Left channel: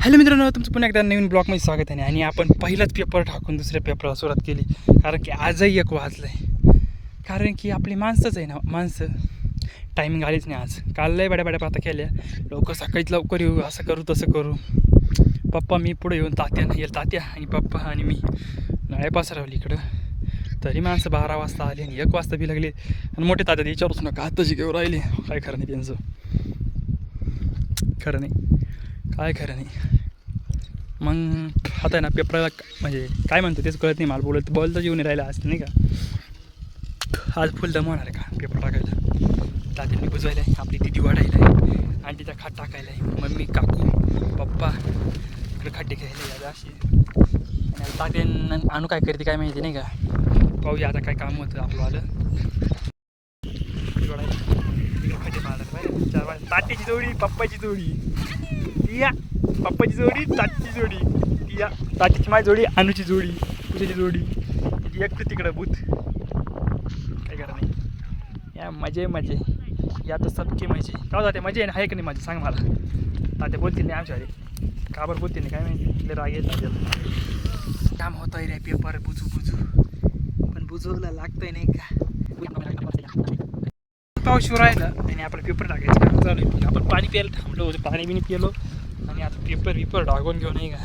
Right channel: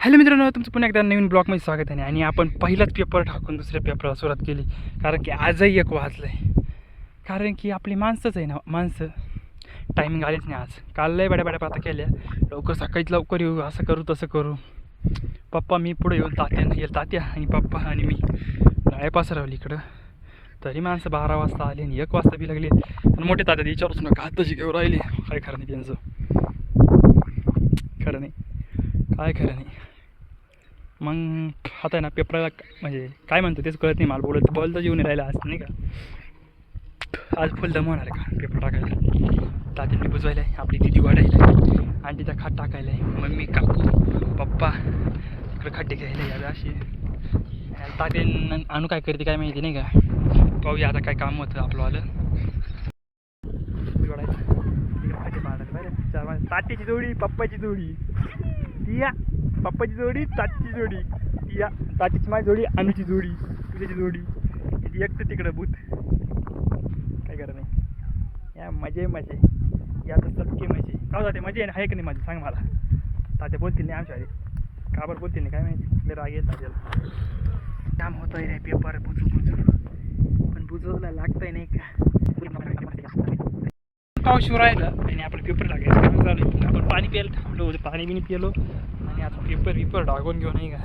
Hello मित्रांनो, तुमचं पुन्हा एकदा नवीन ब्लॉगमध्ये स्वागत आहे. आणि आपण पहिलाच पेपर टाकून दुसऱ्या पेपरला सुरुवात केली, कारण की आजही एक वाजलं आहे. कारण की आपली माणसंच आहे ना, माणसं टायमिंग आलीच नाही. आज काल लय बड्या पाता केल्या, लवकर सकाळीच लवकर येऊ, असं करू तसं करू. पप्पा मी पुढे येऊन तात्या आणि पप्पा आणि मी नाळे पसरवली इकडं. तरी माणसं 12 वाजता आली आणि 1 वाजता बी लागली. आणि मोठे तात्या विचारूच नका, आताची घेऊन राहिले. काय खरं नाही त्यांचं, खरं नाही, काय खरं नाही. मग आता आहे ना पेपरला म्हणजे काय म्हणतो तेच कळत नाही मला. बोलतं येऊन राहिला असं नाही का. आज फुल दम होणार आहे का पेपर टाकायला. तात्यांनी बुजवायला आहे, आपली दिदी वाढायला आहे, आंटीचा खाट टाकायला आहे, मम्मी काकू पप्पा इकडे खड्डे घ्यायला यावे अशी. आणि तात्यान आणू काय करते काय माहिती नाही का. पाहूया आता काय काम होतं आपलं आलं. इकडे खड्डे पाहायला पाहिजे 4 वाजता. तात्याची जोडी पप्पाची जोडी, या पप्पाची जोडी ताटीची जोडी, या ताटीची माझी जोडी, अनुची जोडी, तुझ्याची जोडी, एकटं तिकडं बूथ. काय करा नाही या मजे या तर सबके मजे. का जाते मजे आहे का नाही माझी, सांग मला. तात्या बोलतील नाही आमच्या आधी, का बरं बोलतील नाही काय माहिती. राग येत तात्याला. काम होतं रे पेपर बुजू पण बुजवला लागतंय नाही का. पाऊस शिव राहिला आणि आपलं पेपर टाकायचं काम चालू आहे. आपण पाणी प्यायला थांबलो, पाणी बिनी पिलो आणि आता पेपर टाकून घेऊ नाही का.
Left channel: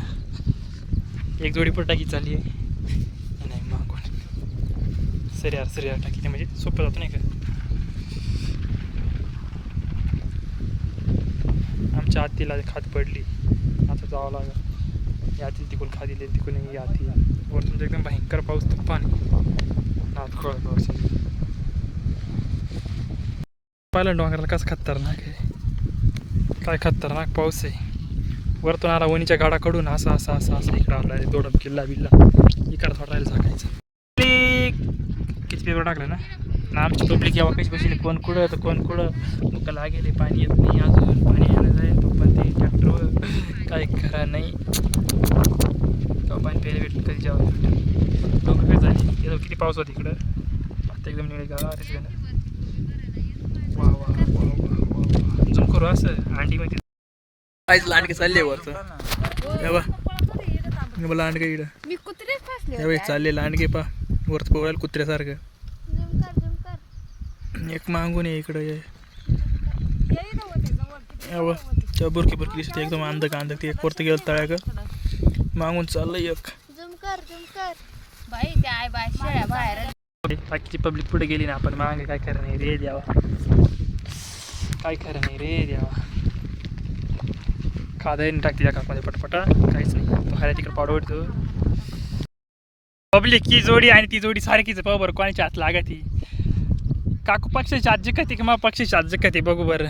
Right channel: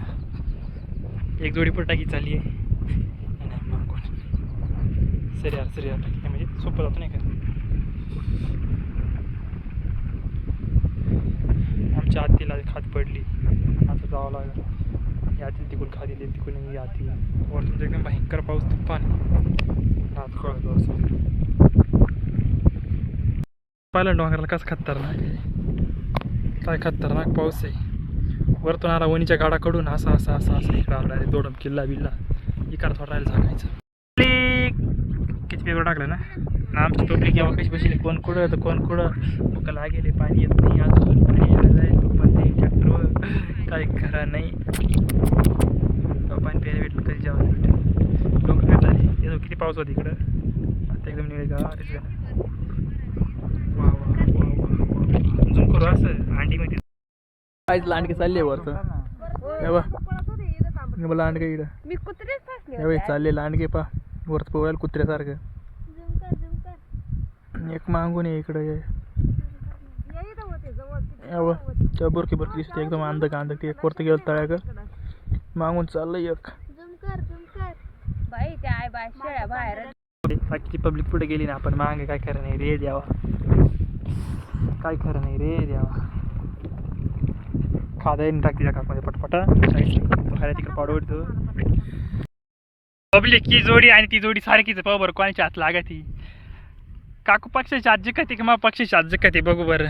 एक जोडी पण टाकी चालली आहे नाही मागून सरियार टाकी म्हणजे सोपं जातं नाही का. आमच्या आत्तीला खात पडली, आता जावं लागेल. या आतील तिकून खा दिली, तिकून आती वर तुमचं एकदम भयंकर पाऊस तुफान हात कळत समजा. पहिल्या डोंगराला कसं खतरनाक आहे, काय खतरनाक पाऊस आहे. वरतून आला वणीच्या गाडाकडून असं इकडं आला रे. दोडम किल्ला बिल्ला इकडं थोडा राहिला सांगायचं. किती पेपर टाकलं ना आमची पब्लिक जेव्हा कशी बसली, कोण कुठं तर कोण कुठं मुकाला गेले. पाणी येत नाही अजून, पाणी यायला जाईल तो पण ते ट्रॅक्टर काय खरा नाही. तेव्हा पाणी प्यायला भेटलं कधी जेव्हा भेटलं. लोक काय झाले येतो. किती पाऊस होता इकडं, आता एकदम निळे गावाच ना. वा झुम करू असं अंडी माहिती. काहीच लांडगे चालले वरचं बा लांडगे इकडं चालले लांडगे पा वरच पोवायला कुत्र्यासारखं. एक मागून आहे इकडं तेव्हा बुरकी दिसते एकदम अंधक ते एक वरती गेलं तळ्या ग मागून चाललंय एक. बाकीची पब्लिक पुढे गेली ना, आपण मागे काय खरं नाही रे द्यावा, काय खरं नाही रे द्यावा. खादा टाकते त्या काकमध्ये पटपटा काहीच नाही. बाहेर तिकडे पाडवतो. पब्लिकची जोडी आणि ती जोडी सारखीच पाहू बरं कोणाच्या हात लागा. ती काकू पक्षाची आजी कधी किंवा पक्षाची आजी कधी बघू बरं.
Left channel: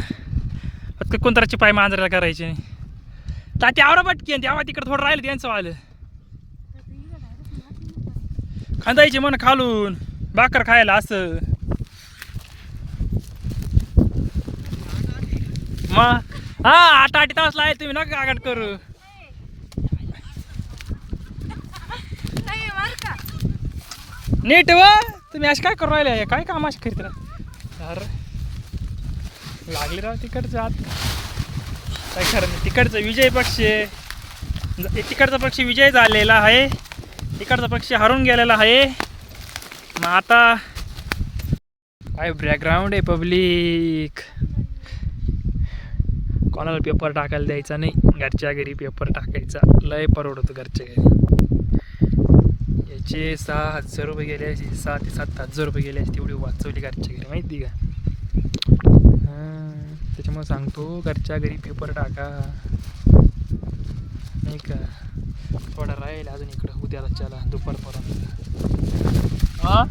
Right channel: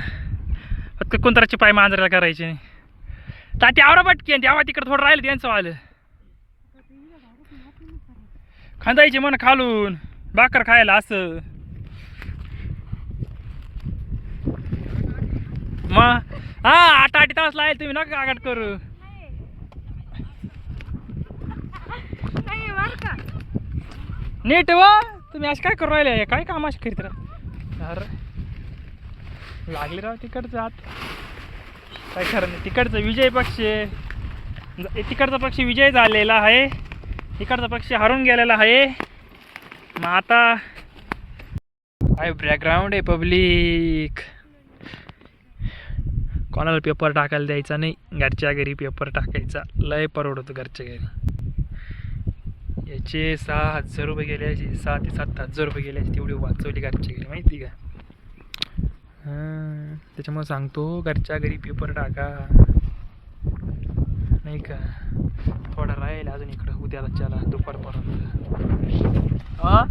फक्त कोणतराचे पाय मांजराला करायचे नाही. ताती आवरा पटकी तेव्हा तिकडे थोडं राहिलं त्यांचं आलं खांदायचे मन खालून भाकर खायला असं. मग हा 8 तास लागेल, तुम्ही नका आगाट करू. नीट व तुम्ही अशी काय करू राहिले, काय काम अशी करीत राहा. अरे लागले राव तिकडचं आत, काय खरं नाही. तिकडचं विजय पक्ष, तिकडचा पक्ष विजय झालेला आहे, तिकडचा पक्ष हरून गेलेला आहे. मग आता काय बॅकग्राऊंड आहे पब्लिक. कोणाला पेपर टाकायला द्यायचा नाही, घरच्या घरी पेपर टाकायचा. लय परवडतो घरच्या घरी. याचे 6,000 रुपये गेले असे, 6 ते 7,000 रुपये गेले असे, तेवढी वाचवली घरच्या घरी माहिती का. हां त्याच्यामुळे सांगतो घरच्या घरी पेपर टाका नाही का. थोडा राहील अजून इकडं, उद्याला चला दुपारपर्यंत. हा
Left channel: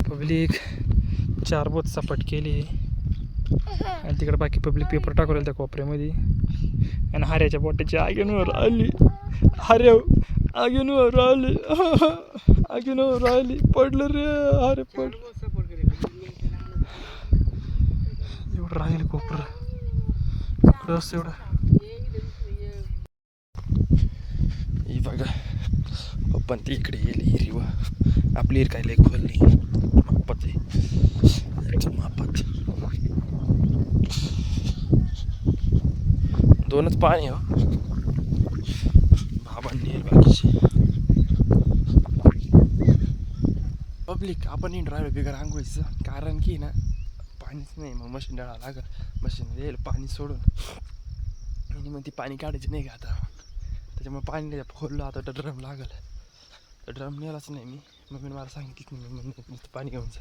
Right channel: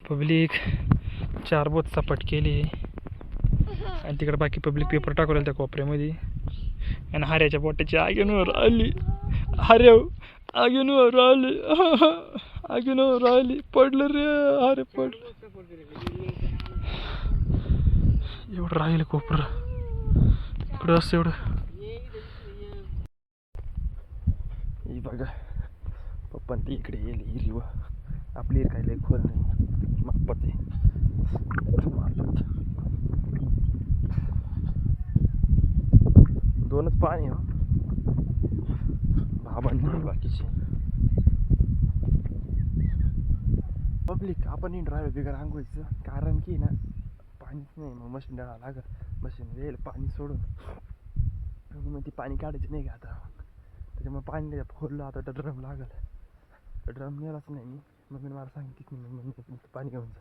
पब्लिक 4 बोट सपाट केली आणि तिकडे बाकी पब्लिक पेपर टाकू त्या कोपऱ्यामध्ये. आणि हाऱ्याच्या बोटाची आगीनवर आली, हार्या आगीनवर आली, आगीनवर आली, पडलं रे हारे पडलं. एवढं राहील कोपरं इकडं असं एवढं. ही बघा पण ती इकडे येईल हिरव. आपली हिर काय लई खोल नाही, मापाच आहे, मापाच. 2च पाणी हो. बाबांनी बाकीचे पब्लिक आपण राहिलो बिगर आंघोळीचं, कारण की ना पाणीच नाही. मग मशीन डाळा लागल, मशीन येईल पाणी सोडून आणि मग ती पाणी काढायची नाही का आता. त्याच्यामुळे पाणी नाही खोललं. आता ड्रम लागल, तर ड्रम नेलाच नाही मी. मम्मीने मला सांगितलं की मग पाणी घेऊन जा.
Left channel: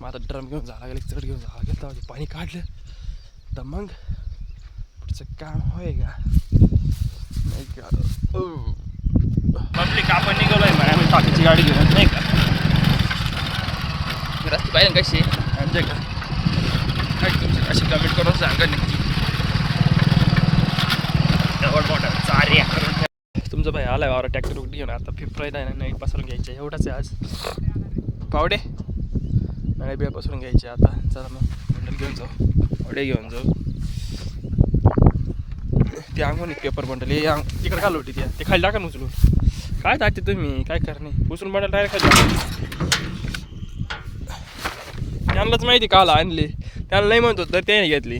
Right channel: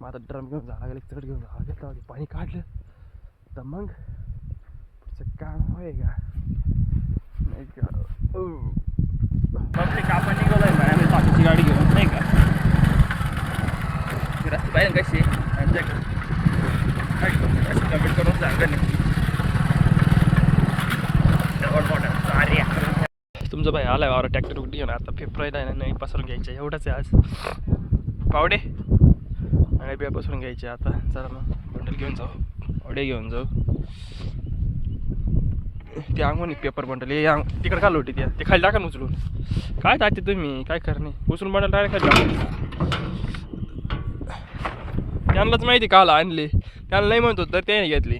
मग आता ड्रम घेऊन जावं लागेल, चढ घेऊन जावं लागेल. तेव्हा ते पाणी काढलं तर मग पुढचं काम होय का नाही का. पब्लिक आपण निघालो आहे म्हणा, आम्ही टाकीची गाडी घेऊन नाही का. रस्ते पाहिजे कशी आमच्याकडे अशी कमेंट करून सांगा नक्की. तुमचा भाई आलाय वावर ट्रॅक्टर उघडी घेऊन. आता फिफ्रायला आहे ना, नाही पसरून घ्यायचं एवढंच आहे आज. पावडे नाही बिया पसरून घ्यायचे आता. चला मग बंडल घेऊन जाऊ, पावडे घेऊन जाऊ. ते अंगून पेपर बंडल हे तिकडे खाल होती ते खाली टाका उचलून. काय टाकते तुम्ही, काय करणे उचलून बंडल डायरेक्ट खाली टाका. त्यांनाच माहिती काला आणली, त्याला नाही म्हणतो तर त्याने घेतली.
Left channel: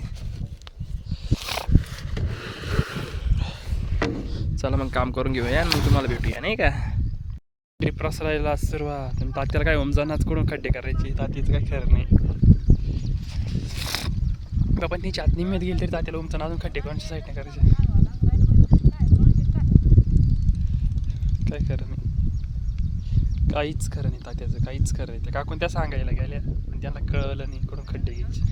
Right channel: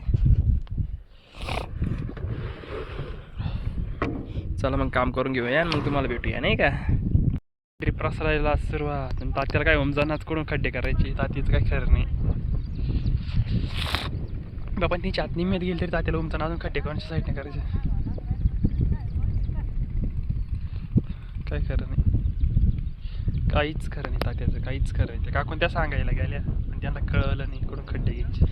चला मग काम करून घेऊया, मग तुम्हाला भेटूया नाही का. ट्रिप रसरायला सुरुवात. तात्याला काय ओमजानाच कडून खड्डे करायचे, तात्याचं काय खरं नाही. बाबा तिची आत निम्म्यात गेली तरी तात्याला ओमजान अजून खड्डे कोणच्या साईडने करायचे, काय खरं नाही. काहीच खरं नाही तात्याचं, काहीच खरं नाही. काकून त्या सांगायला गेल्या पण त्यांना कळलं नाही कडून खड्डे घ्यायचे.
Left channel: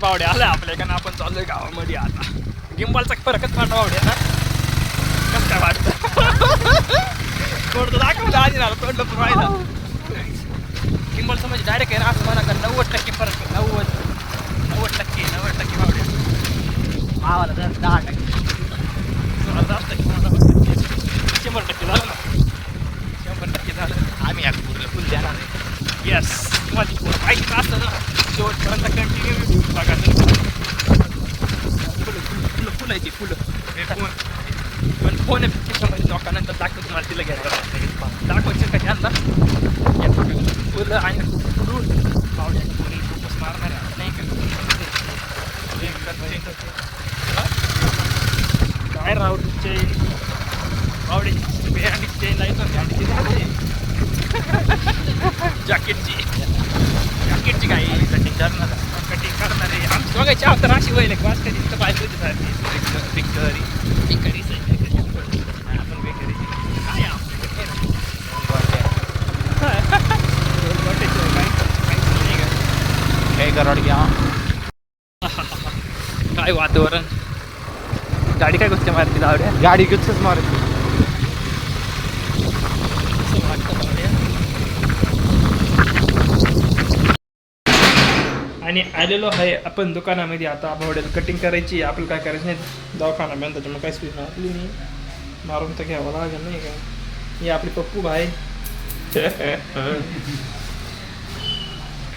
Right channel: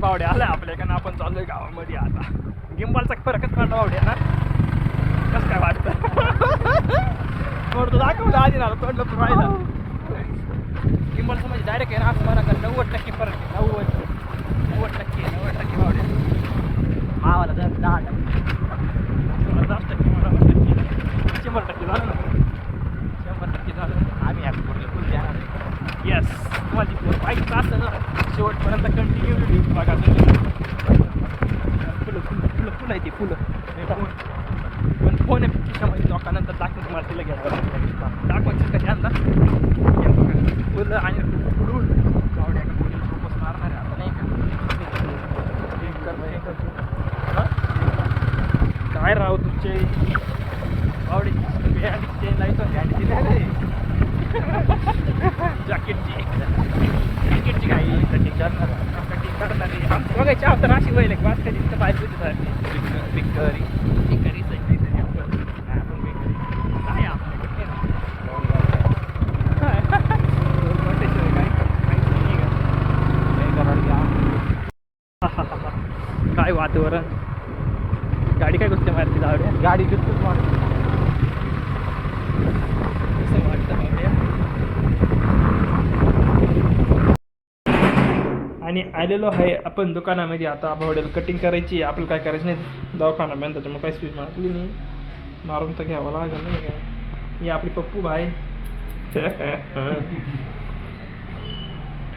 बावडे आलाय आपल्याकडनं, आपण चाललोय गावामध्ये आता. गिंबालचा फरकच फाटा बावड्या ना, कसं काय वाटतं. थोडं दाखवलं आधी ना, तोडलं पण व्हायला. गिंबालचं म्हणजे डायरेक्ट आहे ना असं म्हणा का 90% फरक आहे. 90% बावड्या. मावाला 10% 100% झालं ना. 100% झालं. आम्ही आता पूर्ण फुल देणार आहे. येस, तुम्हाला पूर्ण पाहिजे असतं ना शेवटपर्यंत कंटिन्यू व्हिडिओ बघा. फुलं आहे ती फुलं पण फोन खिशामध्ये लोकांनंतर दाखवतो तुम्हाला. तिला घ्यायला दाखवायचं का त्यांना फुलं आणि फुलून पावड्याचं कोणी फोकस मारणार आहे नाही का. काय राव तुमचे पावडे जॅकेटची काही कटिंग करणार आहे. आमची बघायची आता अशी वय वाच कधी इतकं पाहिजे होतं पिकरी काय आपल्याकडे काय कराड घ्या. काय वातावरण, गाडी काय गोष्ट मारते आवड्या, गाडी गुच्छच मारते. आणि आलेलो आहे आपण दुकानामध्ये. आता भावड्याला कटिंग करायची, आपल्याला काय करायचं नाही दवाखाना मॅन, त्याच्यामुळे काही स्पीड मारली नाही. मारून तर घ्यावं लागेल नाही का. हे आपली पप्पू भाई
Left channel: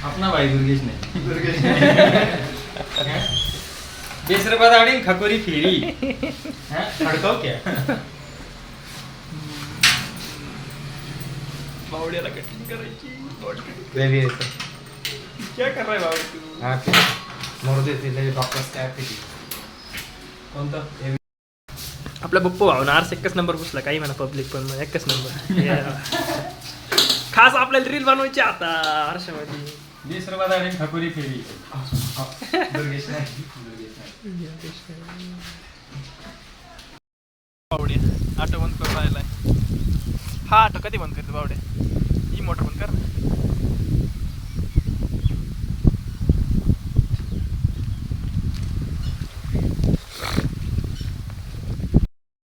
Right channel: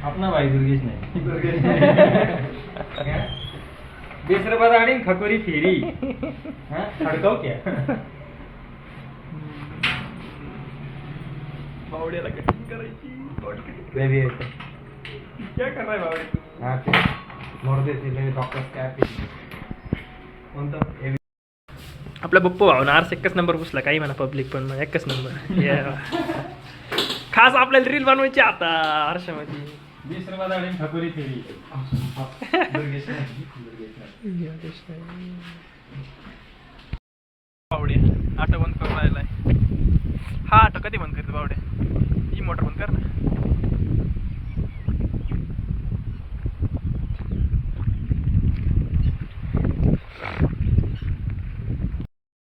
अपना भाई दुर्गेश नहीं 20 रुपये दाड़ी खकोरी फेरी खड़काओ क्या. भावड्याला कटिंग करायची. क्या कर रहा है बावडे तू. हाँ मोर देते डॉक्टर स्कॅप कोणतं आपला पप्पू भावना आर्स एकच नंबर घुसला. काही म्हणा पब्लिक पण मग एकच नंबर. खास आपल्याला रील बनवायची आता आरशामध्ये. 20 रुपये दाड़ी खकोरी फेरी दुर्गेश बावड्या ऑटो बंद करून राहिलाय. हा ऑटो कधी बंद करते बावड्या. ही मोटर बंद कर ना.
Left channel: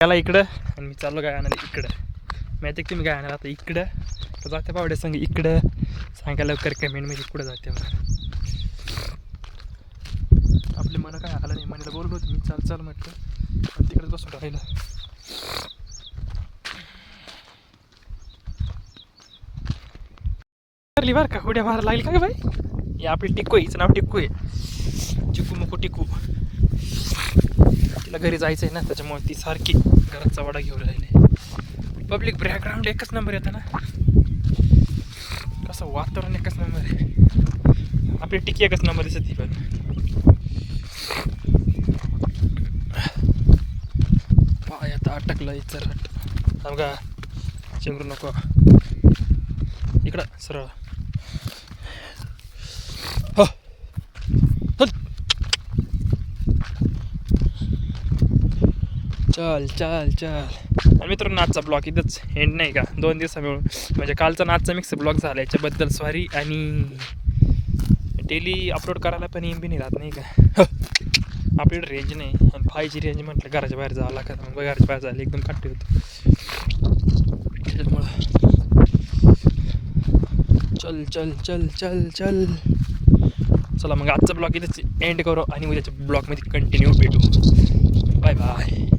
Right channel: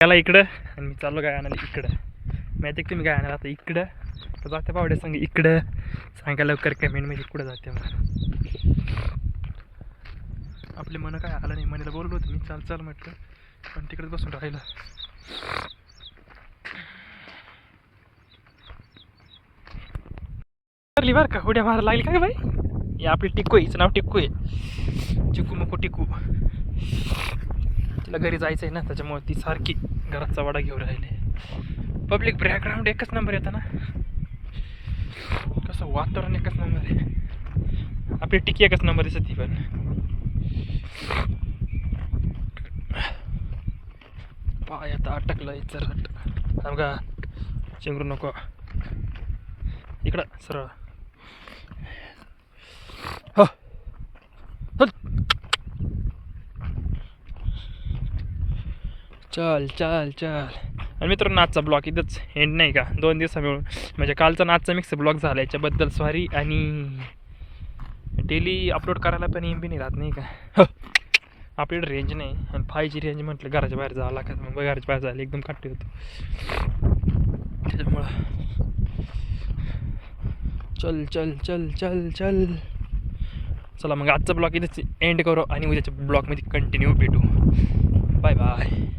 त्याला इकडं आणि मी चाललो काय आणायला इकडं. माहिती आहे तुम्ही काय आणायला आता इकडं तर जाते बावड्या सांग इकडं. सांगा लवकर कमेंट मध्ये कुठं जाते मग. आपले मन काय आलं नाही. मनीला बोललो होतं मी चाल म्हटलं पण तिकडेच बसून राहिलं. मारली बरं का, उड्या मारायला लागली का बाई. हे आपली टिक्कू आहे, हिचं नाव टिक्कू आहे. चिकू मुकू टिक्कू. तिला घरी जायचं आहे ना, त्याच्यामुळे ती सारखी घराचा वाडा घेऊन राहिले. पब्लिक बॅकग्राऊंड एकच नंबर येतं ना, कसं वातावरण एकच नंबर आहे. आपली टिक्की एकच नंबर दिसत ती पण. अटकलं चल बघा चिंगरू नको इकडं सरळ हो चल चल चल आणि मित्रांनो आजचा ब्लॉग इथंच एंड नाही का 2 दिवसा मिळून म्हणजे कालचा नाचचा मिक्स ब्लॉग झाला याच्याबद्दल सॉरी आणि डेली अपलोड करायला पण एम बी नाही राहत नाही का आपल्याकडे रेंज नाही आणि 5G रेंज म्हटलं घराच्या बाहेर जावं लागत मग घराच्या बाहेर जायला एकदम काटे होतो त्याच्यामुळं चल चल चल चल चल चला मग आजचा ब्लॉग इथंच एंड करू आणि उद्याच्या ब्लॉगमध्ये कंटिन्यू भेटू बाय बाय